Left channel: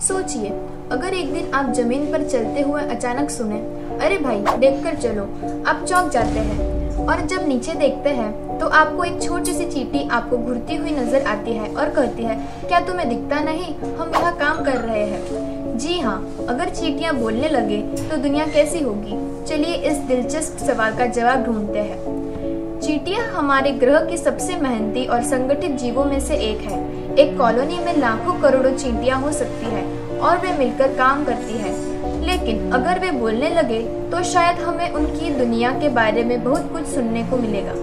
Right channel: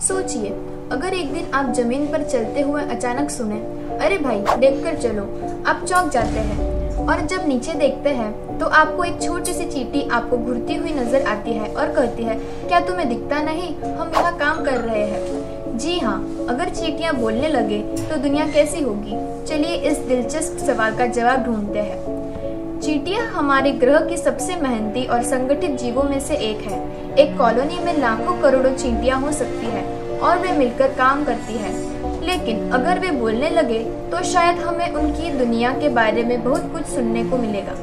सोचिए, अगर एक दिन आप जमीन पर चलते हुए अचानक सुने, अरे भाई देखकर चलो, आप चौंक जाते हैं। और जब नीचे देखते हैं तो आपको एक छोटी सी चींटी आपको घूरती हुई नजर आती है और कहती है, क्या तुम्हें दिखता नहीं, हम यहाँ काम कर रहे हैं। जी हाँ, अगर चींटियाँ बोलने लगे तो दुनिया कैसी होगी? चलिए इस दिलचस्प सवाल का जवाब ढूंढते हैं। चींटियाँ हमारे ग्रह की सबसे मेहनती और संगठित जीवों में से एक है। एक कॉलोनी में लाखों करोड़ों चींटियाँ हो सकती है और वे मिलकर काम करती है। लेकिन अगर वे बोलने लगे तो शायद हमें उनकी दुनिया के बारे में बहुत कुछ सुनने को मिलेगा।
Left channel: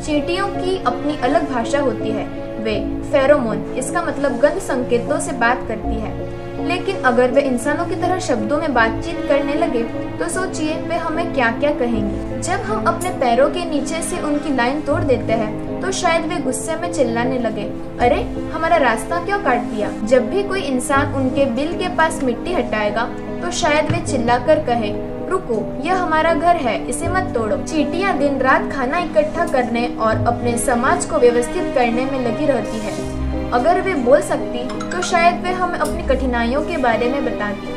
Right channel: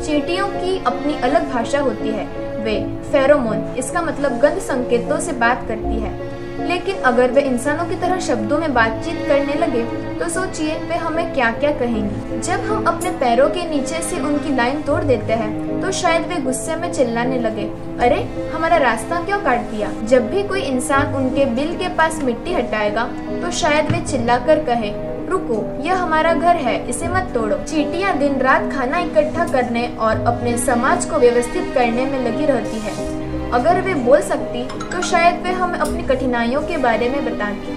चींटियों की अपनी अलग भाषा होती है। वे फेरोमोन, इसका मतलब गंध संकेतों से बात करती है। लेकिन अगर वे इंसानों की तरह शब्दों में बातचीत करने लगे तो सोचिए वे हमें क्या क्या कहेंगी। जब हम अपने पैरों के नीचे से उनकी लाइन तोड़ देते हैं तो शायद वे गुस्से में चिल्लाने लगे, अरे हमारा रास्ता क्यों काट दिया। जब भी कोई इंसान उनके बिल के पास मिट्टी हटाएगा तो शायद वे चिल्लाकर कहे, रुको, यह हमारा घर है, इसे मत तोड़ो। चींटियां दिन रात खाना इकट्ठा करने और अपने समाज को व्यवस्थित करने में लगी रहती है। अगर वे बोल सकती तो शायद वे हमें अपनी कठिनाइयों के बारे में बताती।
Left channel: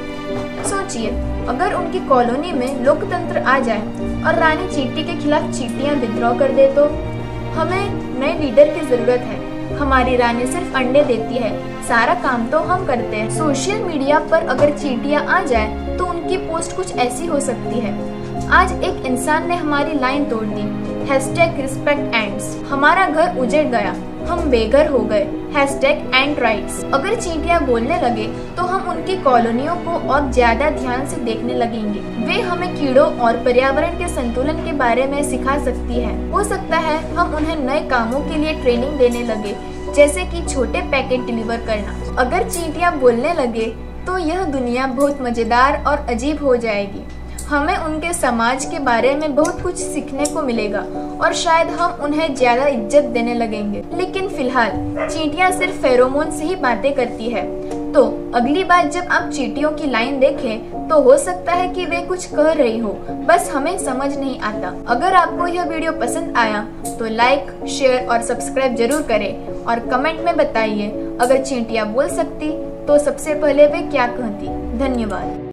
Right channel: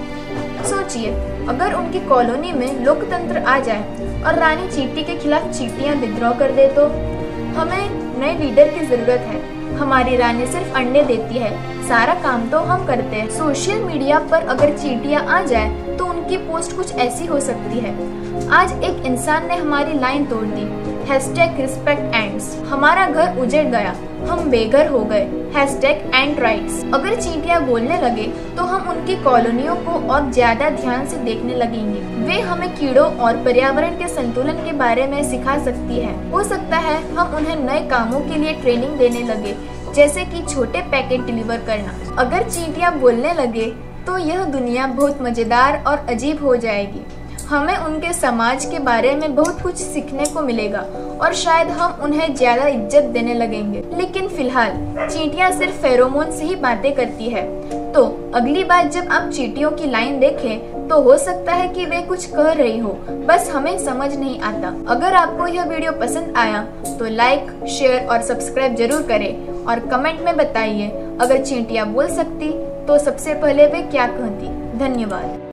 सोचिए, अगर उनकी कॉलोनी में लोकतंत्र आ जाए और रानी चींटी के खिलाफ चींटियां विद्रोह कर दे तो? हमें नए लीडर की जरूरत है। हमारी रानी सिर्फ अंडे देती है, सारा काम तो हम करते हैं। सोशल मीडिया पर अगर चींटियां आ जाए तो उनकी पोस्ट कुछ ऐसी हो सकती है, आज एक इंसान ने हमारी लाइन तोड़ दी, #respect ants, हमारा घर उजड़ गया, हम बेघर हो गए, #ant rights। अगर चींटियां बोलने लगे तो हम उनकी कॉलोनियों को और ज्यादा ध्यान से देखने लगेंगे। वे हमें कीड़ों और पर्यावरण के संतुलन के बारे में सिखा सकती है। हो सकता है हम उन्हें नए कामों के लिए ट्रेनिंग देने लगे, जैसे कि छोटे पैकेट डिलीवर करना। अगर चींटियां बोलने लगे तो यह दुनिया बहुत मजेदार और अजीब हो जाएगी। हमें उनके समाज के बारे में बहुत कुछ सीखने को मिलेगा और शायद हम उन्हें ज्यादा इज्जत देने लगेंगे। लेकिन फिलहाल चींटियां सिर्फ फेरोमोन से ही बातें करती है। तो अगली बार जब आप चींटियों की लाइन देखें तो हो सकता है कि वे कुछ कह रही हो, बस हमें समझ नहीं आता। अगर आपको यह वीडियो पसंद आया तो लाइक, शेयर और सब्सक्राइब जरूर करें और कमेंट में बताइए, अगर चींटियां बोल सकती तो सबसे पहले वे क्या कहती। धन्यवाद।